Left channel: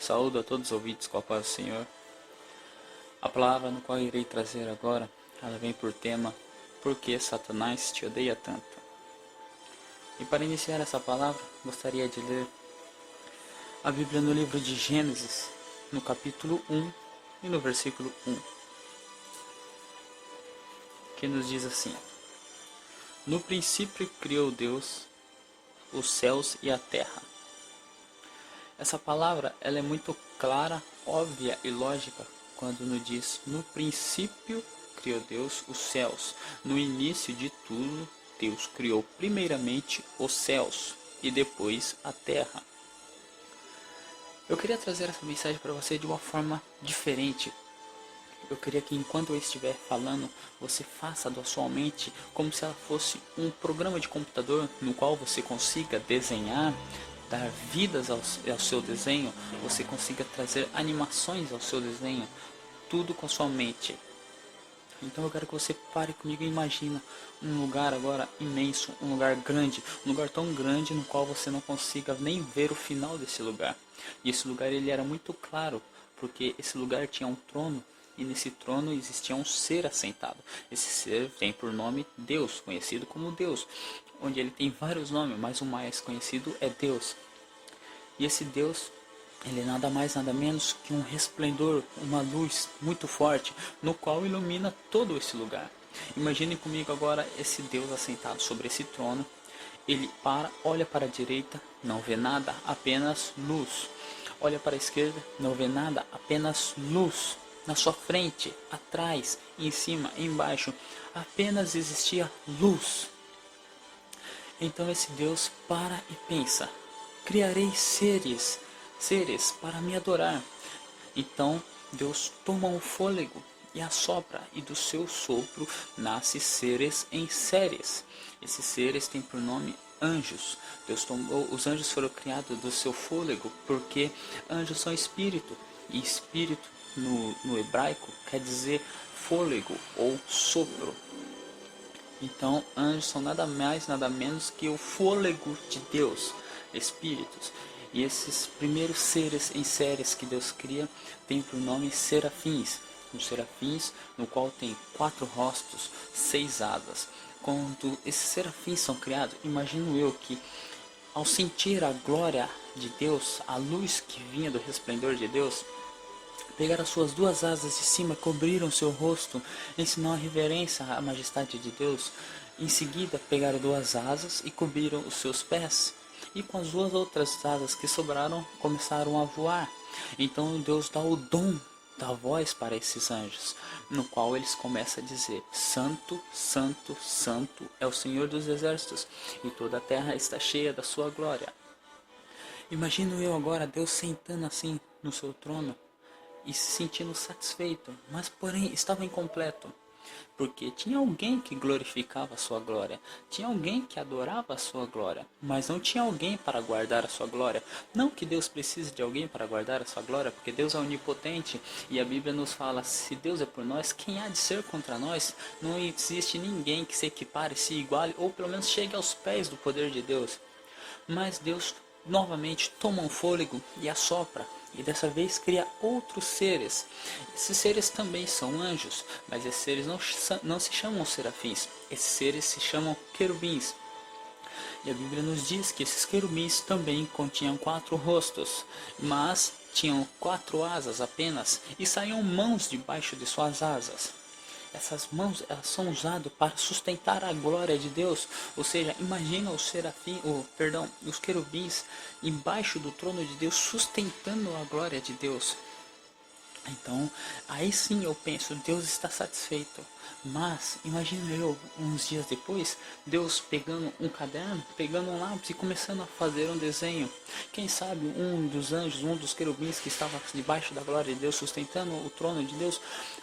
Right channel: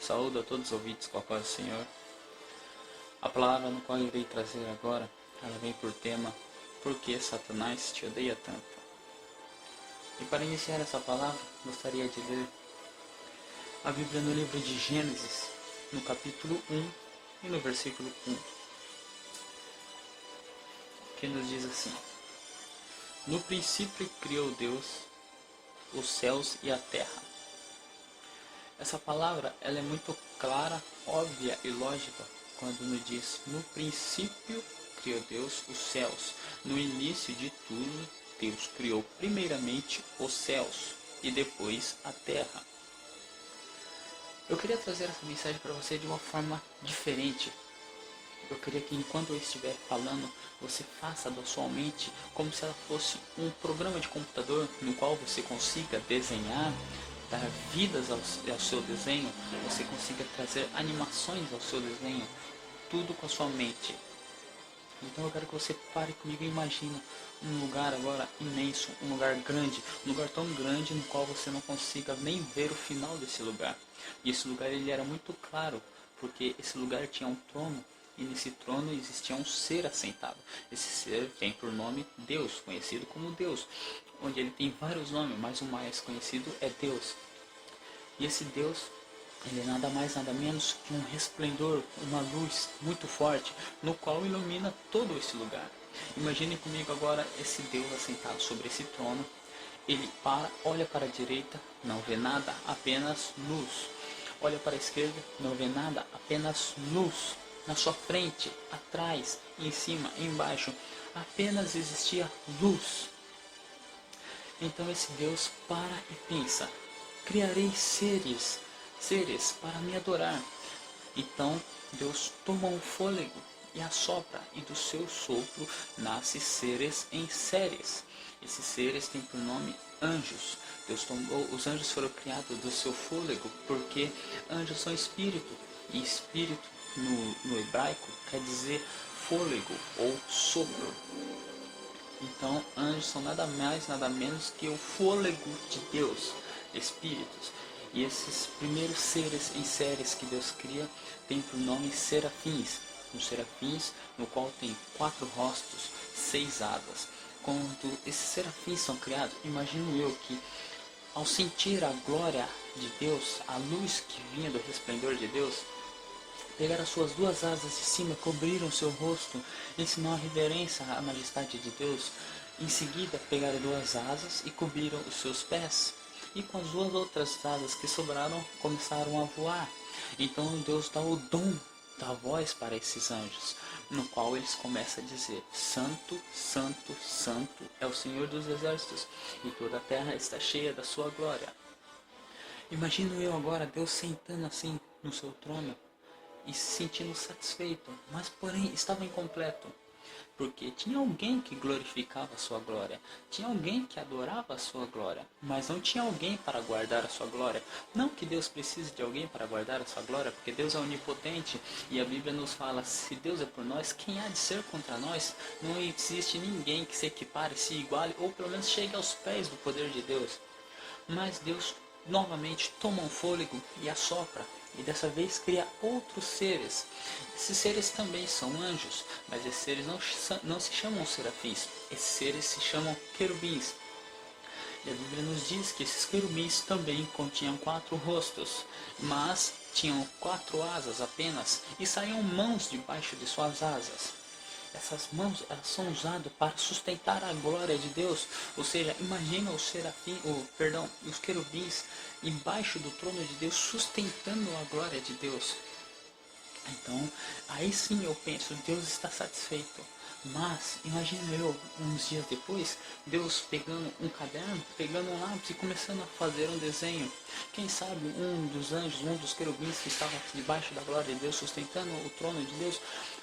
Saúdo a todos os ouvintes com a paz do Senhor. A palavra no qual irei trazer agora, ela vem por tema: Por que Satanás te odeia tanto? E para iniciar essa palavra, gostaria de ler a Bíblia no livro de Gênesis, no capítulo 1 e no versículo 1, que nos diz assim: No princípio criou Deus os céus e a terra. Essa palavra ela é muito clara, óbvia e lógica quando nos diz: no princípio criou Deus os céus. No início de tudo, Deus criou primeiramente os céus e depois a terra. Eu queria trazer essa mensagem para você de uma forma diferente. Eu queria que enquanto eu estiver falando, você faça da sua mente como se ela fosse um programa de computador no qual você consiga desenhar, dar vidas ao seu desenho, você consiga trazer animações ao seu desenho, tudo com a sua mente. Então eu quero que você pare comigo e imagine um lugar agora imenso, um lugar grande, um lugar tão grande no qual você não consiga nem ver o final desse lugar. E esse lugar ele era muito claro, porque esse lugar tinha um trono. E nesse trono existia um ser assentado. Esse ser tem por nome Deus, conhecido como Deus, onde ele tem vários nomes, mas o mais conhecido é Deus. E esse Deus, ele é nada mais nada menos que um resplendor, uma luz muito forte, no qual ilumina todo esse lugar. Imagine comigo agora esse Deus assentado sobre esse trono. Ele olha para a direita, não vê nada, apenas luz. Olha para a esquerda, não vê nada, apenas luz. Na sua frente, atrás, em cima, embaixo, apenas existia luz. Então esse Deus para e pensa: criarei seres para me adorar. Então Deus toma um fôlego e assopra, e do seu sopro nasce seres em séries. Esses seres têm por nome anjos. Os anjos foram criados do seu fôlego, porque anjos são espírito, e espírito no hebraico quer dizer fôlego ou sopro. Então anjos são nada mais nada menos que o fôlego de Deus, espíritos. E esses primeiros seres em séries que Deus cria têm por nome serafins. Os serafins, no qual tem 4 rostos, 6 asas. Quando esses serafins são criados, imagino eu que ao sentir a glória de Deus, a luz que vinha do resplendor de Deus, pegaram as suas 2 asas de cima, cobriram seu rosto, em sinal de reverência à majestade de Deus. Em seguida, pegaram 2 asas e cobriram os seus pés. E com as 2 outras asas que sobraram, começaram a voar. Então Deus dá o dom da voz para esses anjos, no qual eles começam a dizer: Santo, Santo, Santo é o Senhor dos Exércitos, e toda a terra está cheia da sua glória. Imagino eu agora Deus sentando assim no seu trono, e se sentindo satisfeito, mas porém estava incompleto, porque tinha alguém que glorificava a sua glória, tinha alguém que adorava a sua glória, mas não tinha alguém para guardar a sua glória. Não que Deus precise de alguém para guardar a sua glória, porque Deus é onipotente, e a Bíblia nos fala: se Deus é por nós, quem há de ser contra nós? Não existe ninguém que se equipare, se iguale, ou pelo menos chegue aos pés do poder de Deus. Mas Deus novamente toma um fôlego e assopra, e dessa vez cria outros seres. Esses seres também são anjos, mas esses seres não se chamam serafins, esses seres se chamam querubins. E a Bíblia nos diz que esses querubins também continham 4 rostos, mas tinham 4 asas apenas, e saíam mãos debaixo de suas asas. Essas mãos elas são usadas para sustentar a glória de Deus. Ou seja, imagina os querubins embaixo do trono de Deus, sustentando a glória de Deus. Então, aí sim eu penso, Deus está satisfeito. Mas, imagino eu, uns dias depois, Deus pegando um caderno, pegando um lápis e começando a fazer um desenho. Quem sabe um dos anjos, um dos querubins que estava debaixo da glória de Deus, sustentando o trono de Deus,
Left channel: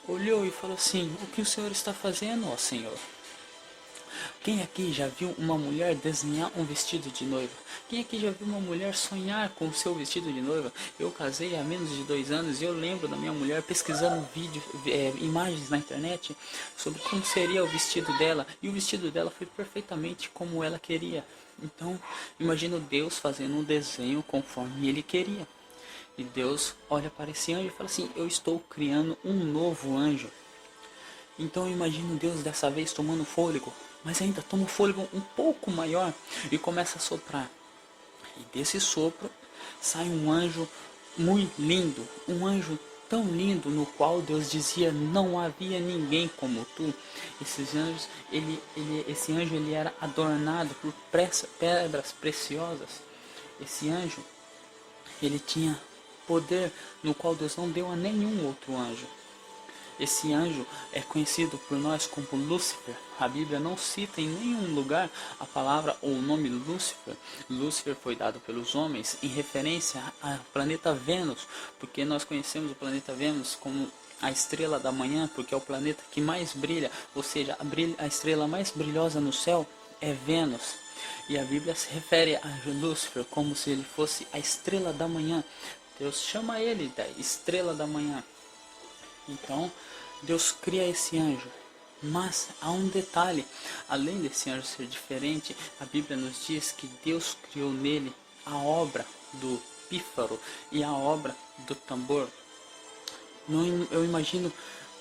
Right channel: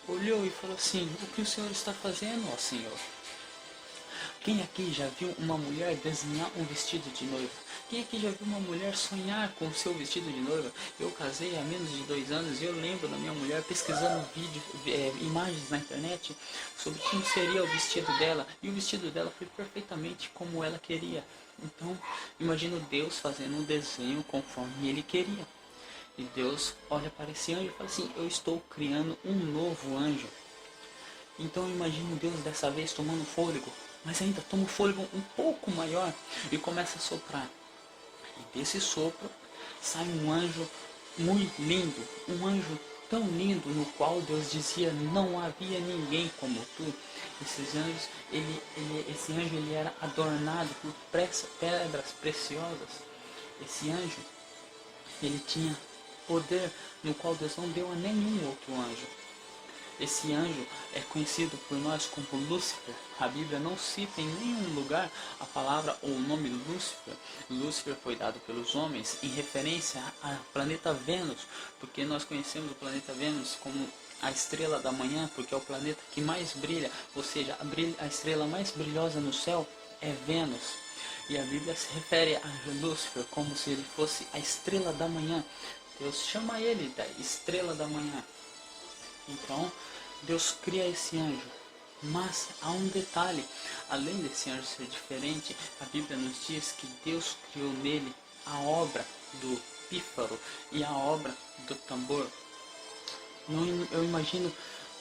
olhou e falou assim: o que o Senhor está fazendo, ó Senhor? Quem aqui já viu uma mulher desenhar um vestido de noiva? Quem aqui já viu uma mulher sonhar com o seu vestido de noiva? Eu casei há menos de 2 anos e eu lembro da minha mulher pesquisando imagens na internet sobre como seria o vestido dela. E o vestido dela foi perfeitamente como ela queria. Então, imagino Deus fazendo um desenho conforme Ele queria. E Deus olha para esse anjo e fala assim: eu estou criando um novo anjo. Então eu imagino Deus dessa vez tomando fôlego, mas ainda toma um fôlego um pouco maior e começa a soprar. E desse sopro sai um anjo muito lindo, um anjo tão lindo no qual Deus dizia: não havia ninguém como tu. Esses anjos, esse anjo ele era adornado por pedras preciosas. Esse anjo ele tinha poder no qual Deus não deu a nenhum outro anjo. Esse anjo é conhecido por nós como Lúcifer. A Bíblia não cita em nenhum lugar a palavra ou o nome Lúcifer. Lúcifer foi dado pelos homens em referência ao planeta Vênus, porque nós conhecemos o planeta Vênus como a estrela da manhã, porque é o planeta que mais brilha, ou seja, a estrela mais brilhosa no céu é Vênus. E a Bíblia se refere a Lúcifer como se ele fosse a estrela da manhã. Deus chama ele da estrela da manhã. Então, Deus cria esse anjo, mas há um detalhe: além desse anjo ser diferente, a Bíblia nos diz que Deus criou nele a obra do pífaro e a obra do tambor. Eu imagino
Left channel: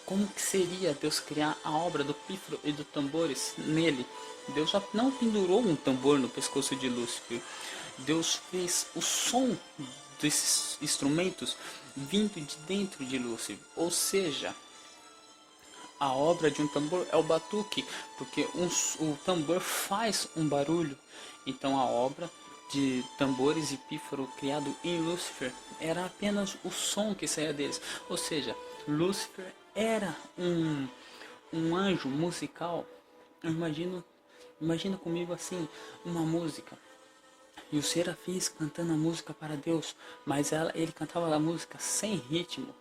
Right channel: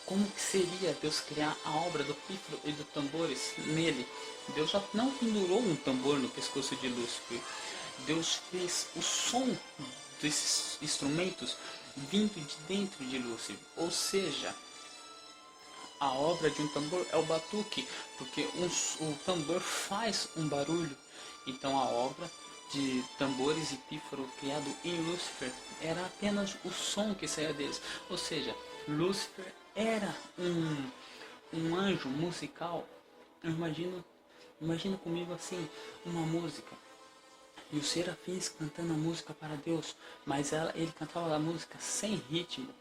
como que seria Deus criar a obra do pífaro e dos tambores nele. Deus já não pendurou um tambor no pescoço de Lúcifer. Deus fez o som desses instrumentos vindo de dentro de Lúcifer, ou seja, a obra de um tambor é o batuque, porque o tambor faz um barulho. Então a obra de tambores e pífaro criado em Lúcifer era apenas o som que saía deles. Ou seja, Lúcifer era um anjo musical. Imagina comigo assim, uma música. E os serafins cantando a música para Deus, mas ele cantava a música sem ritmo.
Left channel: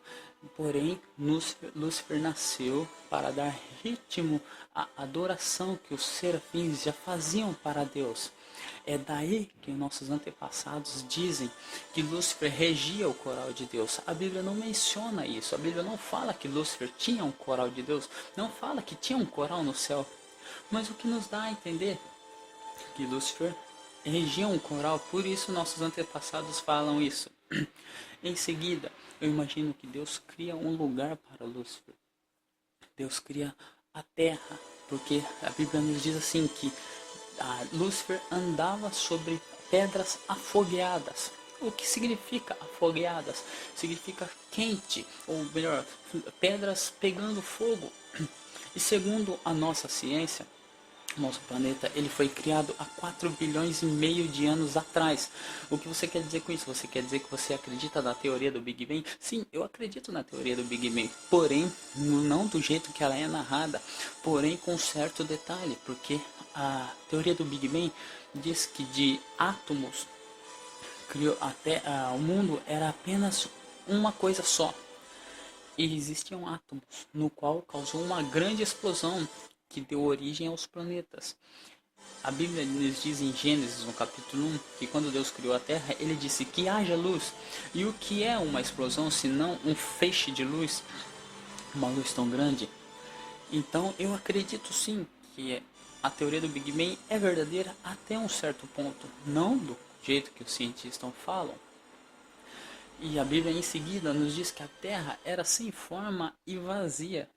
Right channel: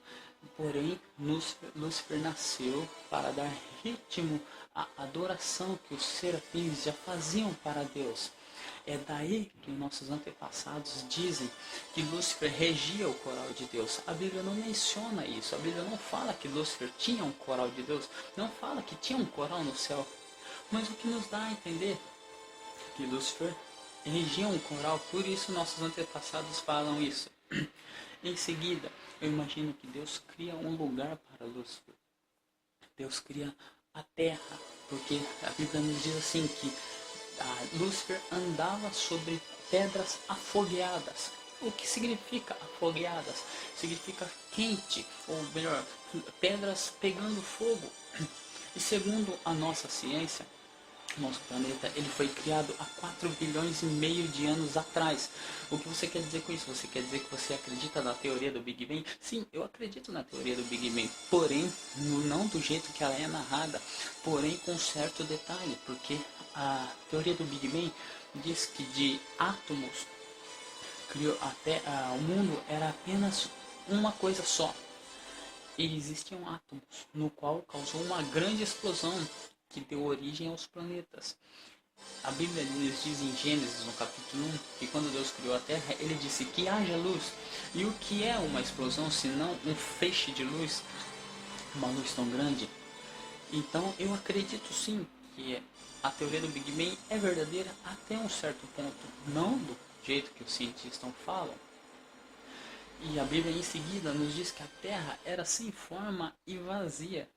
Porém, Lúcifer nasceu para dar ritmo à adoração que os serafins já faziam para Deus. É daí que nossos antepassados dizem que Lúcifer regia o coral de Deus. A Bíblia não menciona isso. A Bíblia não fala que Lúcifer tinha um coral de Deus. Não fala que tinha um coral no céu. Mas o que nos dá a entender que Lúcifer regia um coral, por isso nossos antepassados falam isso. Em seguida, eu imagino que Deus cria um lugar para Lúcifer. Deus cria a terra, porque a Bíblia nos diz assim que Lúcifer andava sobre pedras afogueadas. O que significa afogueadas? Significa quente, ou melhor, pedras pegando fogo. E segundo a nossa ciência, nosso planeta ele foi criado há 4 bilhões e meio de anos atrás. O que você quer dizer com isso? Você quer dizer que você acredita na teoria do Big Bang? Sim, eu acredito na teoria do Big Bang, porém não do jeito que ela é narrada, porém com certo detalhe, porque a teoria do Big Bang diz que de átomos criou até o mundo era apenas uma coisa só. E existiam átomos, no qual causou uma grande explosão que deu origem aos planetas. A Bíblia nos diz em Gênesis, no capítulo 1, que quando Deus criou a Terra, ele disse que haja luz. E o que é uma explosão, se não um feixe de luz, uma luz tão grande? Então eu acredito sim que a teoria do Big Bang é verdadeira até um certo ponto, não do jeito que os cientistas falam. E a Bíblia em seguida nos diz que a Terra era sem forma e vazia.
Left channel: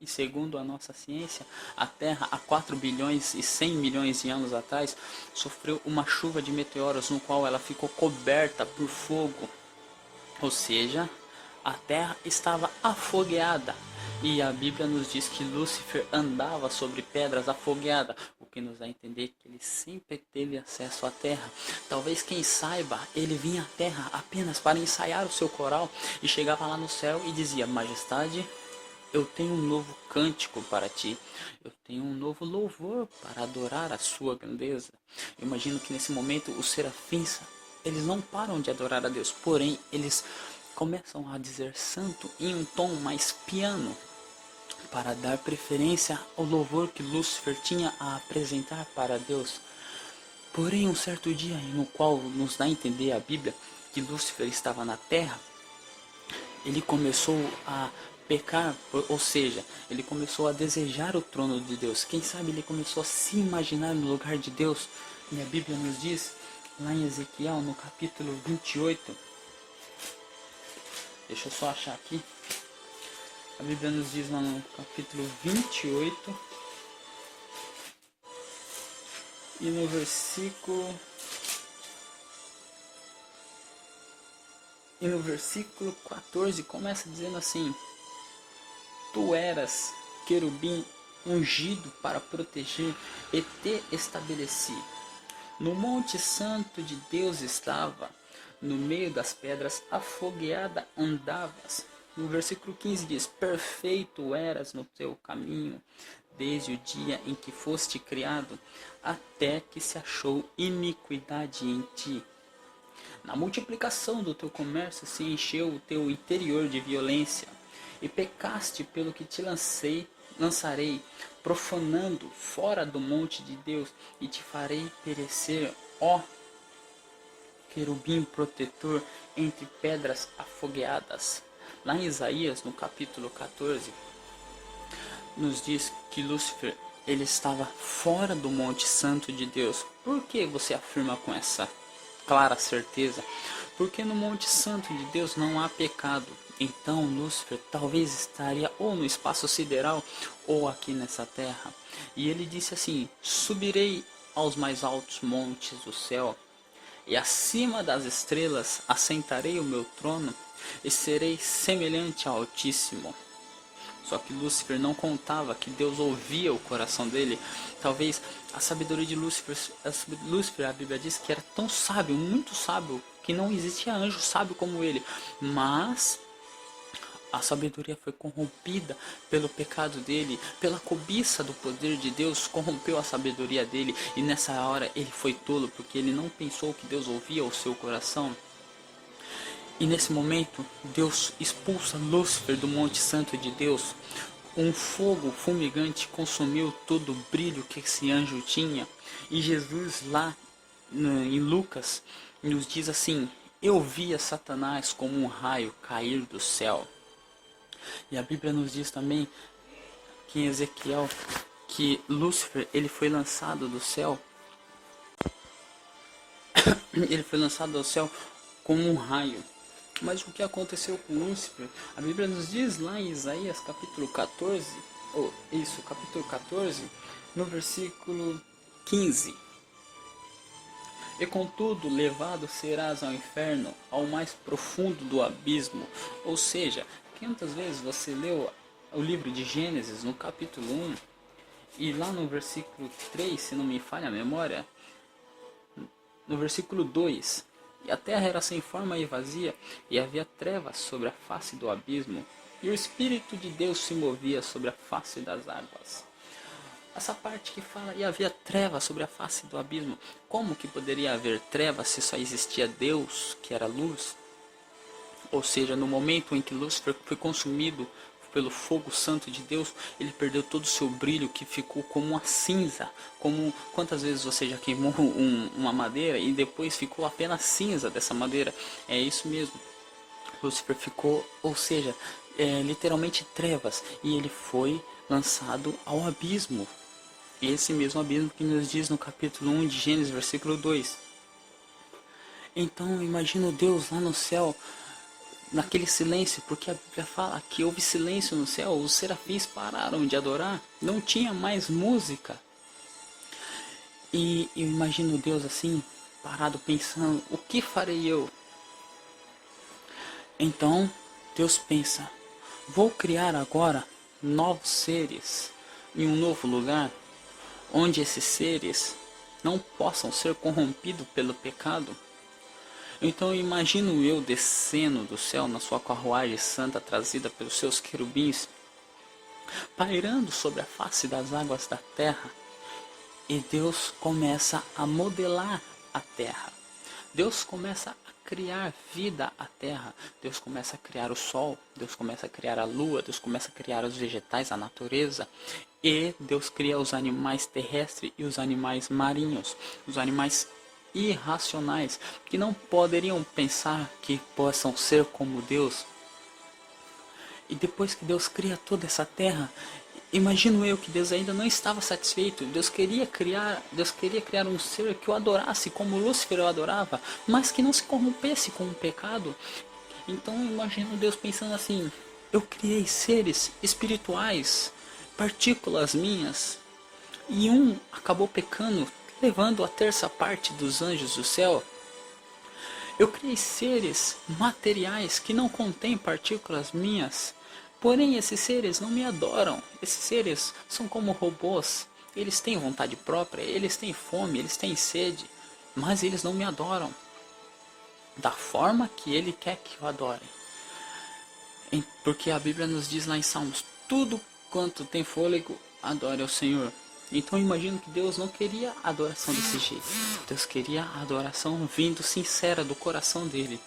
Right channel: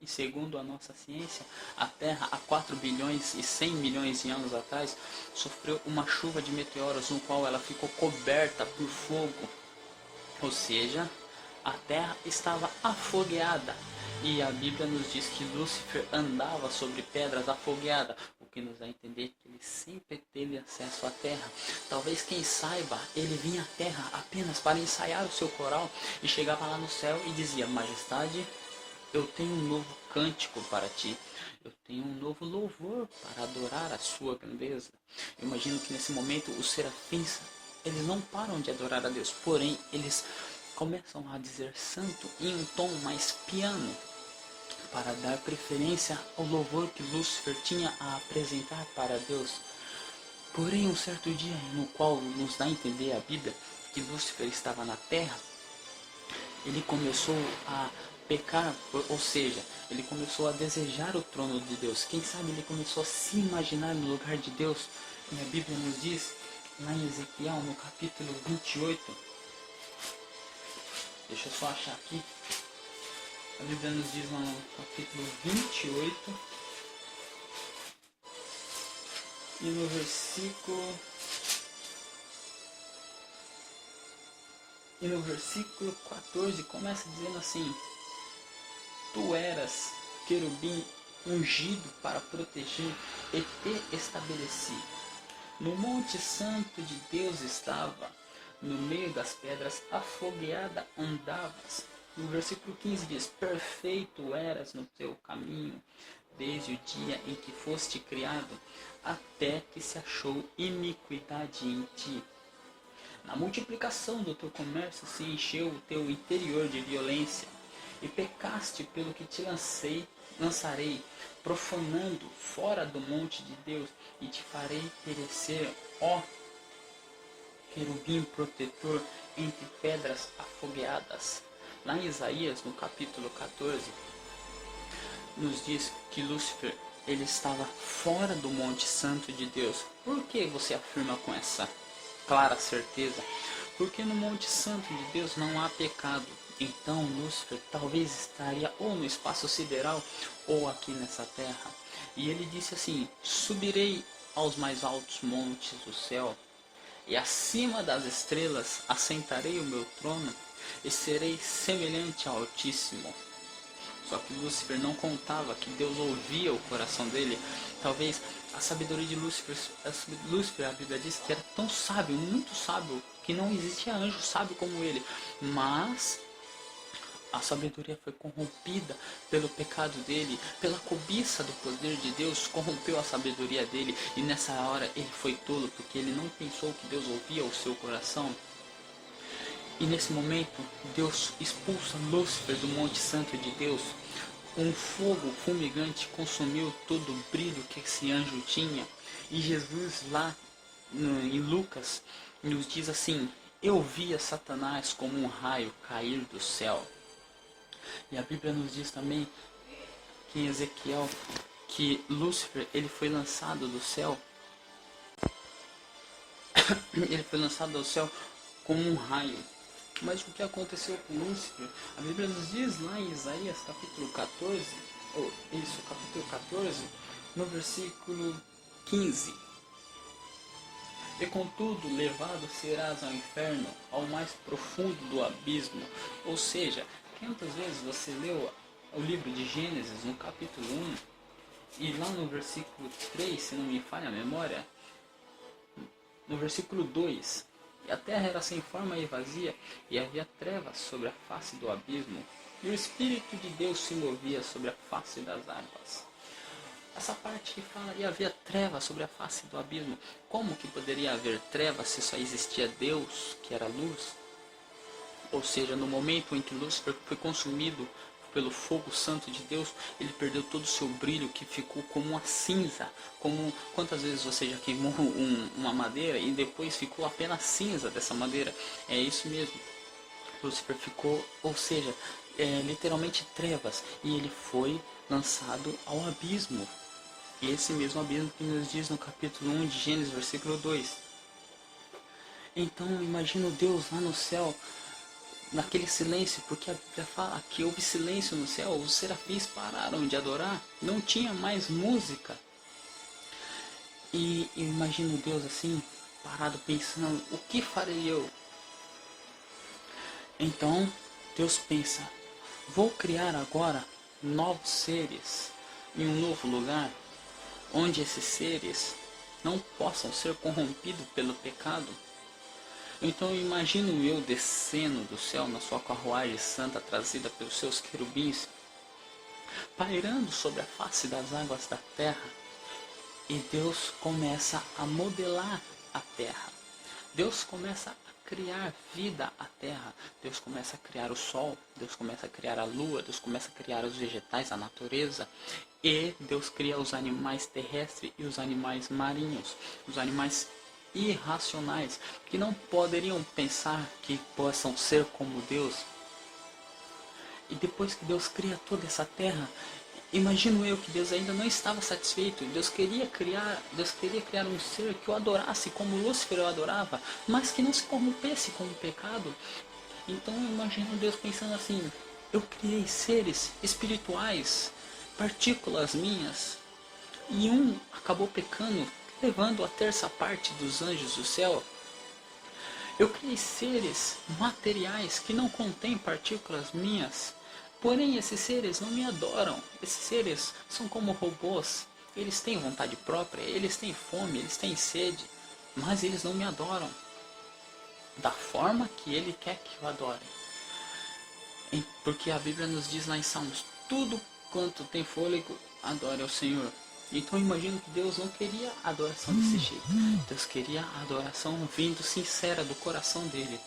E segundo a nossa ciência, a Terra há 4 bilhões e 100 milhões de anos atrás sofreu uma chuva de meteoros no qual ela ficou coberta por fogo. Ou seja, a Terra estava afogueada. E a Bíblia nos diz que Lúcifer andava sobre pedras afogueadas, o que nos dá a entender que ele sempre teve acesso à Terra. Talvez, quem saiba, ele vinha à Terra apenas para ensaiar o seu coral e chegava lá no céu e dizia: Majestade, eu tenho um novo cântico para ti. Eu tenho um novo louvor para adorar a sua grandeza. Eu imagino que nesse momento os serafins, eles não param de adorar a Deus, porém eles começam a dizer santo em um tom mais piano, para dar preferência ao louvor que Lúcifer tinha a apresentar para Deus. Porém, um certo dia no qual nos dá a entender a Bíblia que Lúcifer estava na terra, ele começou a pecar, ou seja, ele começou a desejar o trono de Deus. Quem sabe ele começou a se imaginar no lugar de Deus. E a Bíblia nos diz, lá em Ezequiel, no capítulo 28, Deixa eu só achar aqui. A Bíblia nos diz lá no capítulo 28 e no versículo 14 começa dizendo assim: Tu eras querubim ungido para proteger e te estabeleci. No monte santo de Deus estava, no meio das pedras afogueada andavas. No versículo 15 diz: Perfeito eras no teu caminho, desde o dia em que foste criado, até que se achou iniquidade em ti. Na multiplicação do teu comércio se encheu o teu interior de violência, e pecaste pelo que te lançarei, profanando fora do monte de Deus, e te farei perecer, ó querubim protetor entre pedras afogueadas. Lá em Isaías, no capítulo 14, nos diz que Lúcifer ele estava fora do monte santo de Deus. Por que você afirma com essa clara certeza? Porque no monte santo de Deus não há pecado. Então Lúcifer talvez estaria ou no espaço sideral ou aqui nessa terra. E ele disse assim: Subirei aos mais altos montes do céu, e acima das estrelas assentarei o meu trono, e serei semelhante ao Altíssimo. Só que Lúcifer não contava que Deus ouvia o coração dele. Talvez a sabedoria de Lúcifer, a Bíblia diz que era tão sábio, muito sábio, que não existia anjo sábio como ele. Mas a sabedoria foi corrompida pelo pecado dele, pela cobiça do poder de Deus, corrompeu a sabedoria dele. E nessa hora ele foi tolo, porque ele não pensou que Deus ouvia o seu coração. E nesse momento, Deus expulsa Lúcifer do Monte Santo de Deus. Um fogo fumegante consumiu todo o brilho que esse anjo tinha. E Jesus lá em Lucas nos diz assim: Eu via Satanás como um raio cair do céu. E a Bíblia nos diz também que em Ezequiel que Lúcifer ele foi lançado do céu. Ele foi lançado do céu como um raio. Mas o que aconteceu com Lúcifer? A Bíblia nos diz lá em Isaías capítulo 14, capítulo 14, no versículo 15. E contudo levado serás ao inferno, ao mais profundo do abismo. Ou seja, quantas vezes você leu o livro de Gênesis no capítulo 1 e lá no versículo 3, se não me falha a memória, no versículo 2... E a terra era sem forma e vazia, e havia trevas sobre a face do abismo, e o Espírito de Deus se movia sobre a face das águas. Essa parte que fala, e havia trevas sobre a face do abismo. Como que poderia haver trevas se só existia Deus, que era luz? Ou seja, no momento em que Lúcifer foi consumido pelo fogo santo de Deus, ele perdeu todo o seu brilho, que ficou como uma cinza. Como quantas vezes você já queimou uma madeira e depois ficou apenas cinza dessa madeira? É isso mesmo. Lúcifer ficou, ou seja, literalmente trevas, e ele foi lançado ao abismo. Esse mesmo abismo que nos diz no capítulo 1 de Gênesis, versículo 2. Então imagina Deus lá no céu, naquele silêncio, porque a Bíblia fala que houve silêncio no céu, os serafins pararam de adorar, não tinha mais música. E eu imagino Deus assim, parado pensando, o que farei eu? Então Deus pensa, vou criar agora novos seres em um novo lugar, onde esses seres não possam ser corrompidos pelo pecado. Então imagino eu descendo do céu na sua carruagem santa trazida pelos seus querubins, pairando sobre a face das águas da terra, e Deus começa a modelar a terra. Deus começa a criar vida à terra. Deus começa a criar o sol, Deus começa a criar a lua, Deus começa a criar os vegetais, a natureza, e Deus cria os animais terrestres e os animais marinhos, os animais irracionais, que não poderiam pensar que possam ser como Deus. E depois que Deus cria toda essa terra, imagino eu que Deus ainda não estava satisfeito. Deus queria criar um ser que o adorasse como Lúcifer o adorava, mas que não se corrompesse com o pecado. Então eu imagino Deus pensando assim: eu criei seres espirituais, partículas minhas, e um acabou pecando, levando a terça parte dos anjos do céu. Eu criei seres materiais que não contêm partículas minhas, porém esses seres não me adoram. Esses seres são como robôs. Eles têm vontade própria, eles têm fome, eles têm sede, mas eles não me adoram da forma que ele quer que eu adore. Porque a Bíblia nos diz lá em Salmos: tudo quanto tem fôlego, adore ao Senhor. Então eu imagino que Deus não queria adoração desse jeito. Deus queria a adoração vindo sincera do coração dele.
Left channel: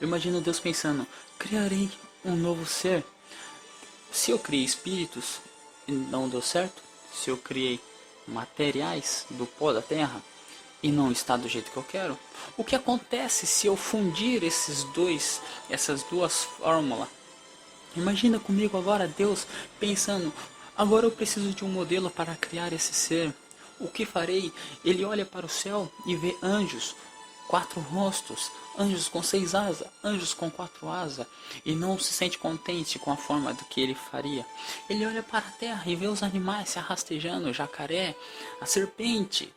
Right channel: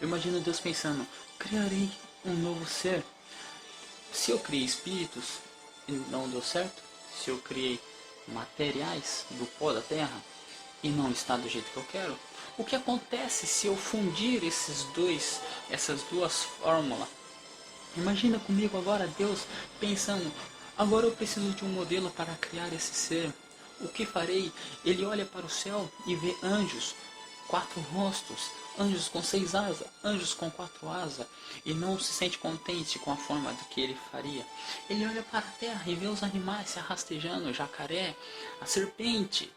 Eu imagino Deus pensando: criarei um novo ser. Se eu criei espíritos e não deu certo, se eu criei materiais do pó da terra e não está do jeito que eu quero, o que acontece se eu fundir essas duas fórmulas? Imagina comigo agora Deus pensando: agora eu preciso de um modelo para criar esse ser. O que farei? Ele olha para o céu e vê anjos, 4 rostos, anjos com 6 asas, anjos com 4 asas, e não se sente contente com a forma do que ele faria. Ele olha para a terra e vê os animais se arrastejando, o jacaré, a serpente.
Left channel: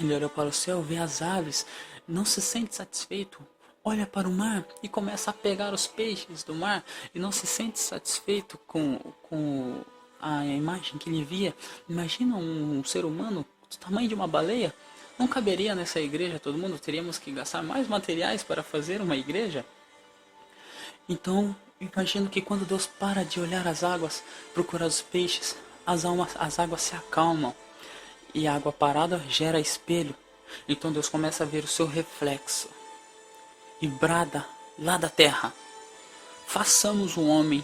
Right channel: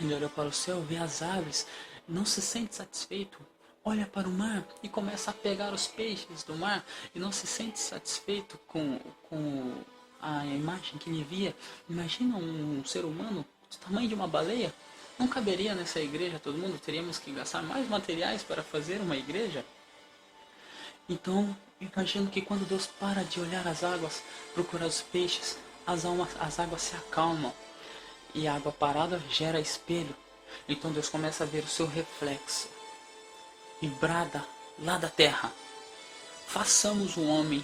Ele olha para o céu, vê as aves, não se sente satisfeito. Olha para o mar e começa a pegar os peixes do mar e não se sente satisfeito com a imagem que ele via. Imagina um ser humano do tamanho de uma baleia. Não caberia nessa igreja todo mundo, teríamos que gastar mais materiais para fazer uma igreja. Então, imagino que quando Deus para de olhar as águas, procurar os peixes, as águas se acalmam. E a água parada gera espelho. Então Deus começa a ver o seu reflexo e brada lá da terra: façamos um homem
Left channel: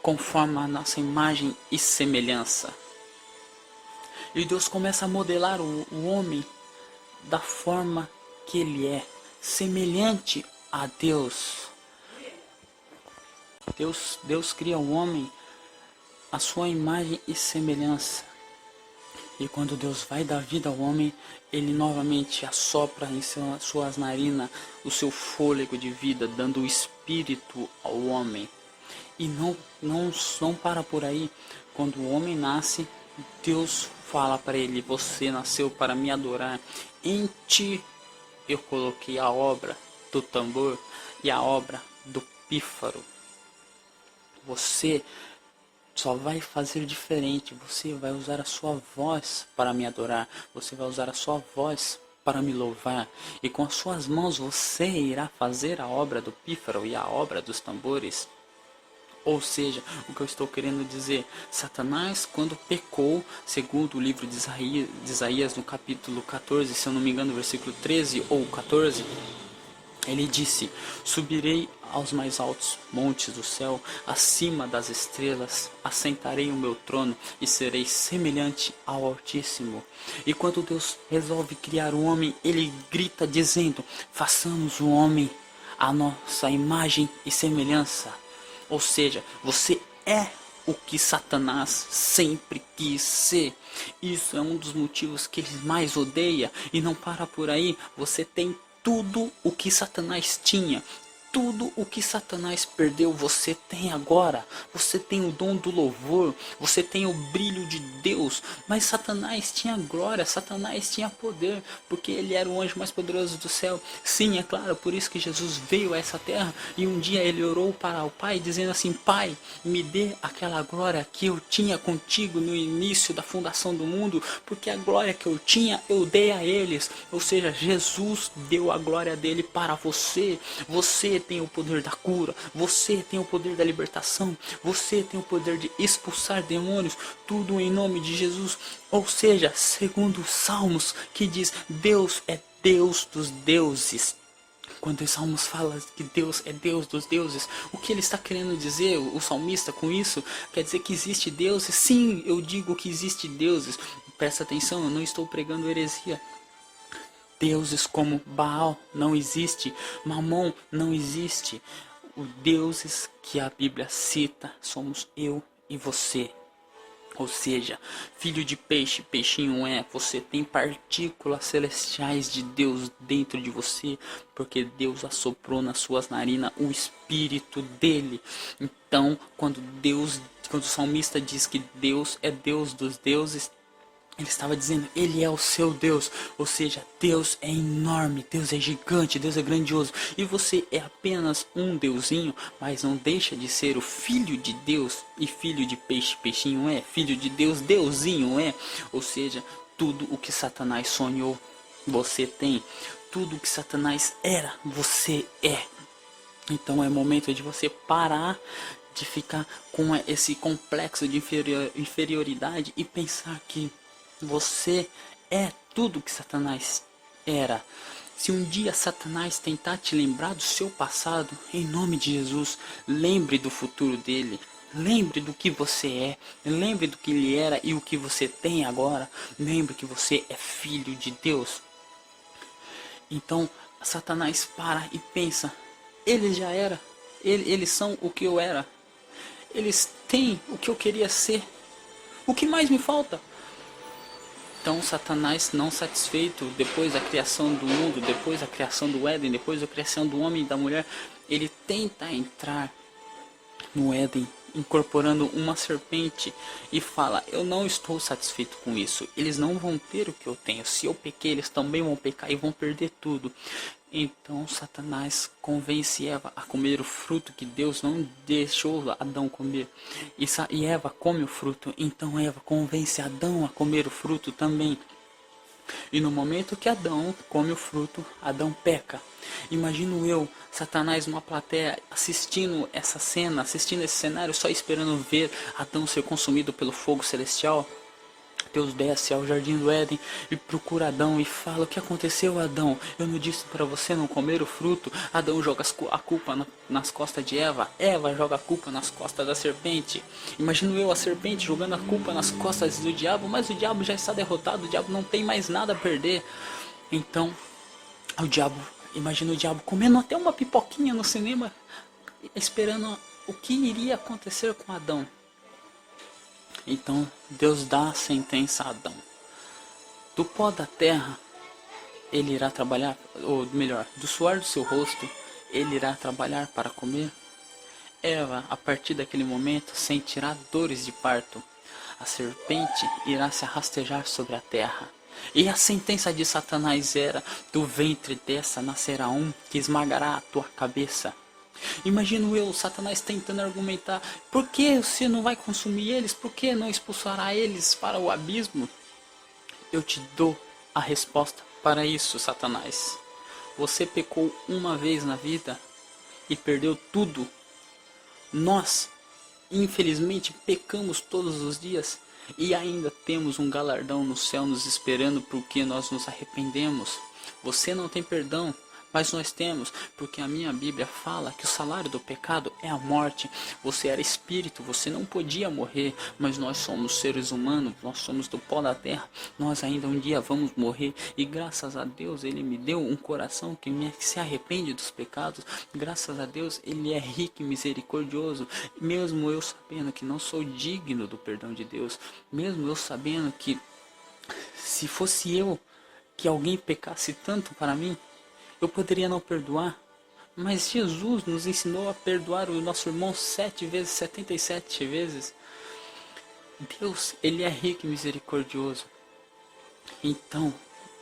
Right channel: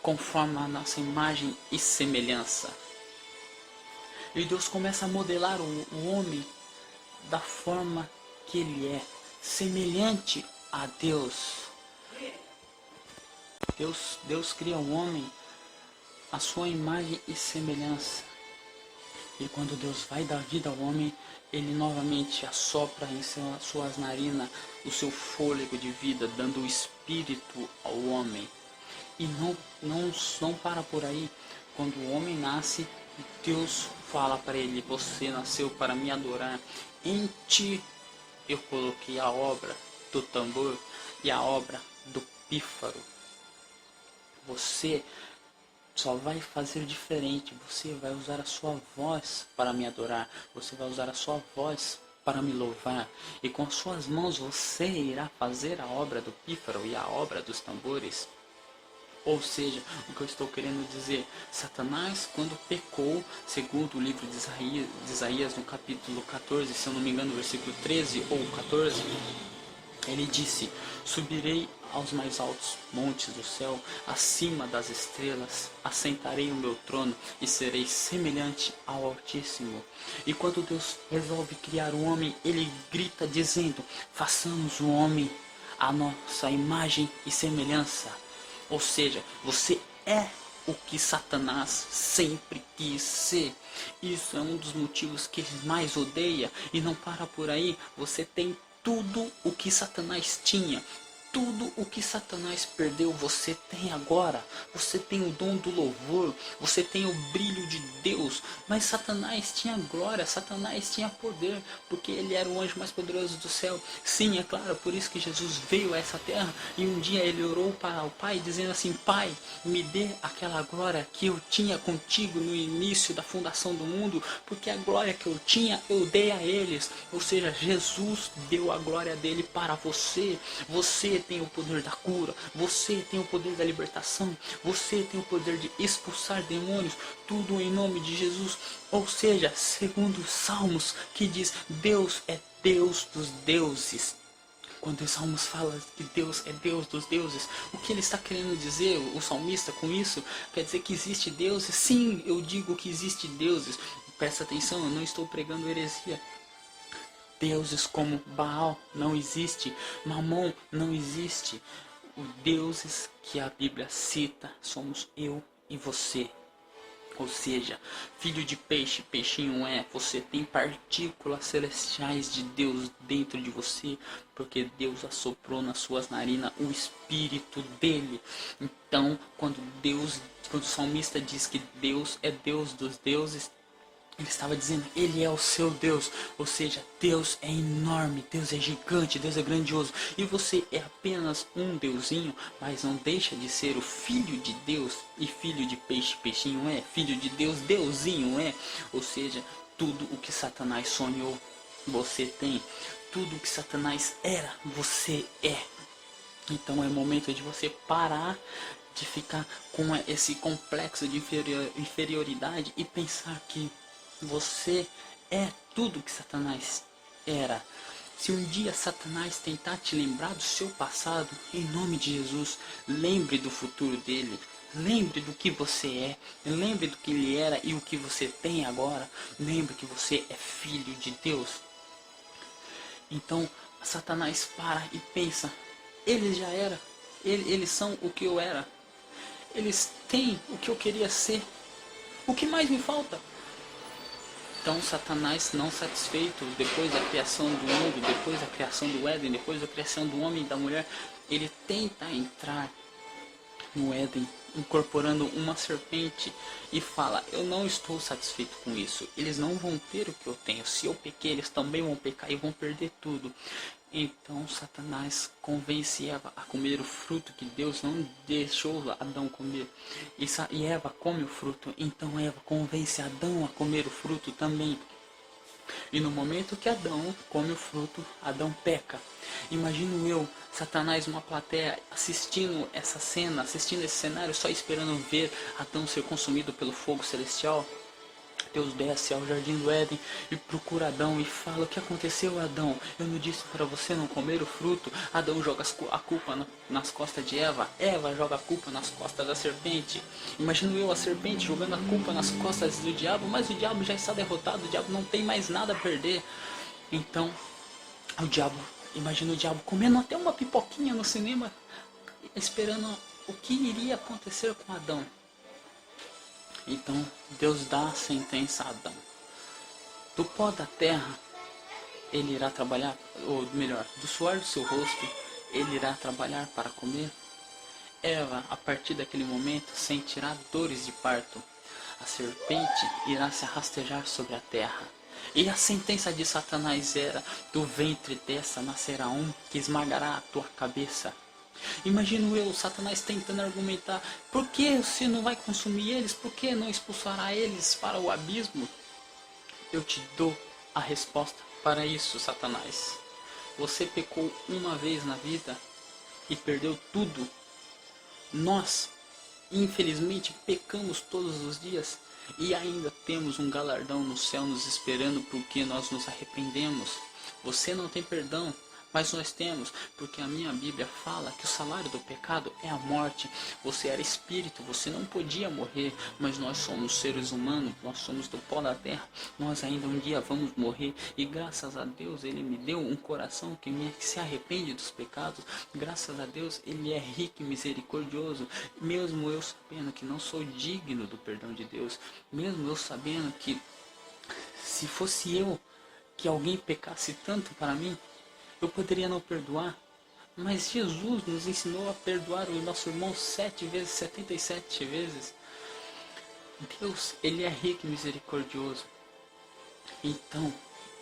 conforme a nossa imagem e semelhança. E Deus começa a modelar o homem da forma que ele é, semelhante a Deus. Deus cria o homem à sua imagem e semelhança. E quando Deus vai dar vida ao homem, ele novamente assopra em suas narinas o seu fôlego de vida, dando o espírito ao homem. E não para por aí. Quando o homem nasce, Deus fala para ele: você nasceu para me adorar. Em ti eu coloquei a obra do tambor e a obra do pífaro. Você só vai fazer diferente. Você vai usar a sua voz para me adorar. Você vai usar a sua voz para me louvar. E com as suas mãos você irá fazer a obra do pífaro e a obra dos tambores. Ou seja, o que eu estou querendo dizer: Satanás, quando pecou, segundo o livro de Isaías no capítulo 14, se eu não me engano, versículo 13 ou 14, ele disse: subirei aos mais altos montes do céu, acima das estrelas, assentarei o meu trono e serei semelhante ao Altíssimo. E quando Deus resolve criar o homem, ele grita dizendo: façamos o homem à nossa imagem e semelhança. Ou seja, você é o que Satanás sempre quis ser. Isso é um dos motivos que ele mais odeia. E não para por aí. Você tem tudo o que Satanás tinha. Tudo o que Satanás perdeu, você tem agora. Você tem o dom do louvor, você tem o brilho de Deus. Mas Satanás tinha glória, Satanás tinha poder, porque ele era o anjo mais poderoso do céu. Sim, é claro, por isso que Jesus veio a essa terra. E um dia ele orou para o Pai, dizendo assim: Pai, me dê aquela glória que eu tinha contigo no início da fundação do mundo, porque a glória que eu tinha, eu dei a eles. Ou seja, Jesus deu a glória dele para você. Você tem o poder da cura, você tem o poder da libertação, você tem o poder de expulsar demônios, tudo em nome de Jesus. Ou seja, segundo os Salmos, que diz: Deus é Deus dos deuses. Quando os Salmos falam que Deus é Deus dos deuses, o que ele está querendo dizer, o salmista, com isso? Quer dizer que existe deuses? Sim, eu digo que existe deuses. Presta atenção, eu não estou pregando heresia. Deuses como Baal não existe, Mamon não existe. Os deuses que a Bíblia cita somos eu e você. Ou seja, filho de peixe, peixinho é, você tem partículas celestiais de Deus dentro de você, porque Deus assoprou nas suas narinas o espírito dele. Então, quando o salmista diz que Deus é Deus dos deuses, ele estava dizendo, ele é o seu Deus, ou seja, Deus é enorme, Deus é gigante, Deus é grandioso, e você é apenas um deusinho, mas não deixa de ser o filho de Deus, e filho de peixe, peixinho é, filho de Deus, deusinho é, ou seja, tudo o que Satanás sonhou, você tem, tudo o que Satanás era, você é. Então é momento de você parar de ficar com esse complexo de inferioridade e pensar que você é tudo que Satanás era. Se um dia Satanás tentar te lembrar do seu passado, em nome de Jesus, lembre do futuro dele. Lembre do que você é. Lembre do que ele era e o que você tem agora. Lembre que você é filho de Deus. Então, Satanás para e pensa, eles já eram. Eles são o que eu era. Eles têm o que eu queria ser. O que mais me falta? Então Satanás, não satisfeito depois da criação do mundo, depois da criação do Éden, depois da criação do homem e da mulher, ele tenta entrar no Éden, incorporando uma serpente e fala, eu não estou satisfeito com isso, eles não vão ter o que eu tenho, se eu pequei eles também vão pecar e vão perder tudo. Então Satanás convence Eva a comer o fruto que Deus não deixou Adão comer. E Eva come o fruto, então Eva convence Adão a comer o fruto também. E no momento que Adão come o fruto, Adão peca. Imagino eu, Satanás numa plateia, assistindo essa cena, assistindo esse cenário, só esperando ver Adão ser consumido pelo fogo celestial. Deus desce ao jardim do Éden e procura Adão e fala, o que aconteceu, Adão? Eu não disse para você não comer o fruto? Adão joga a culpa nas costas de Eva. Eva joga a culpa nas costas da serpente. Imagino eu a serpente jogando a culpa nas costas do diabo, mas o diabo já está derrotado, o diabo não tem mais nada a perder. Então, imagina o diabo comendo até uma pipoquinha no cinema, esperando o que iria acontecer com Adão. Então Deus dá a sentença a Adão. Do pó da terra ele irá trabalhar, ou melhor, do suor do seu rosto ele irá trabalhar para comer. Eva, a partir daquele momento, sentirá dores de parto. A serpente irá se rastejar sobre a terra. E a sentença de Satanás era, do ventre dessa nascerá um que esmagará a tua cabeça. Imagino eu, Satanás tentando argumentar, por que você não vai consumir eles? Por que não expulsará eles para o abismo? Eu te dou a resposta para isso, Satanás. Você pecou uma vez na vida e perdeu tudo. Nós, infelizmente, pecamos todos os dias e ainda temos um galardão no céu nos esperando porque nós nos arrependemos. Você não tem perdão. Mas nós temos, porque a minha Bíblia fala que o salário do pecado é a morte. Você era espírito, você não podia morrer, mas nós somos seres humanos, nós somos do pó da terra, nós ainda um dia vamos morrer. E graças a Deus Ele me deu um coração que se arrepende dos pecados. Graças a Deus Ele é rico e misericordioso, mesmo eu sabendo que não sou digno do perdão de Deus, mesmo eu sabendo que se fosse eu, que alguém pecasse tanto para mim, eu poderia não perdoar, mas Jesus nos ensinou a perdoar o nosso irmão 7 vezes, 77 vezes. Deus, Ele é rico e misericordioso. Então,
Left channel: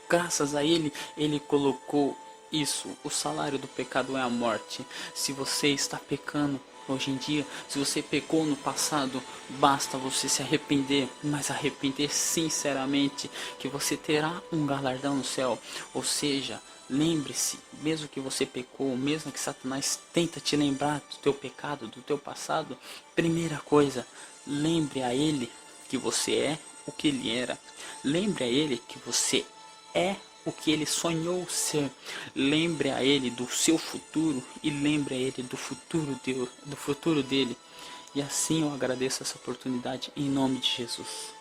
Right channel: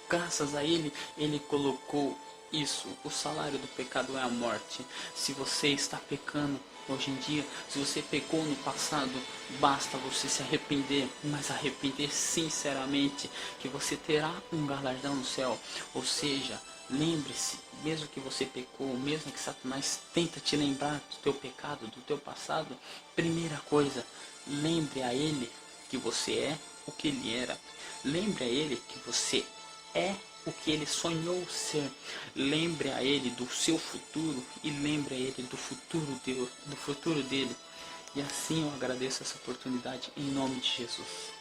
graças a Ele, Ele colocou isso. O salário do pecado é a morte. Se você está pecando hoje em dia, se você pecou no passado, basta você se arrepender, mas arrepender sinceramente, que você terá um galardão no céu. Ou seja, lembre-se, mesmo que você pecou, mesmo que Satanás tenta te lembrar do teu pecado, do teu passado, primeira coisa, lembre a Ele que você é o que Ele era. Lembre a Ele que você é o que Ele sonhou ser. Lembre a Ele do seu futuro e lembre a Ele do futuro dele. E assim eu agradeço essa oportunidade em nome de Jesus.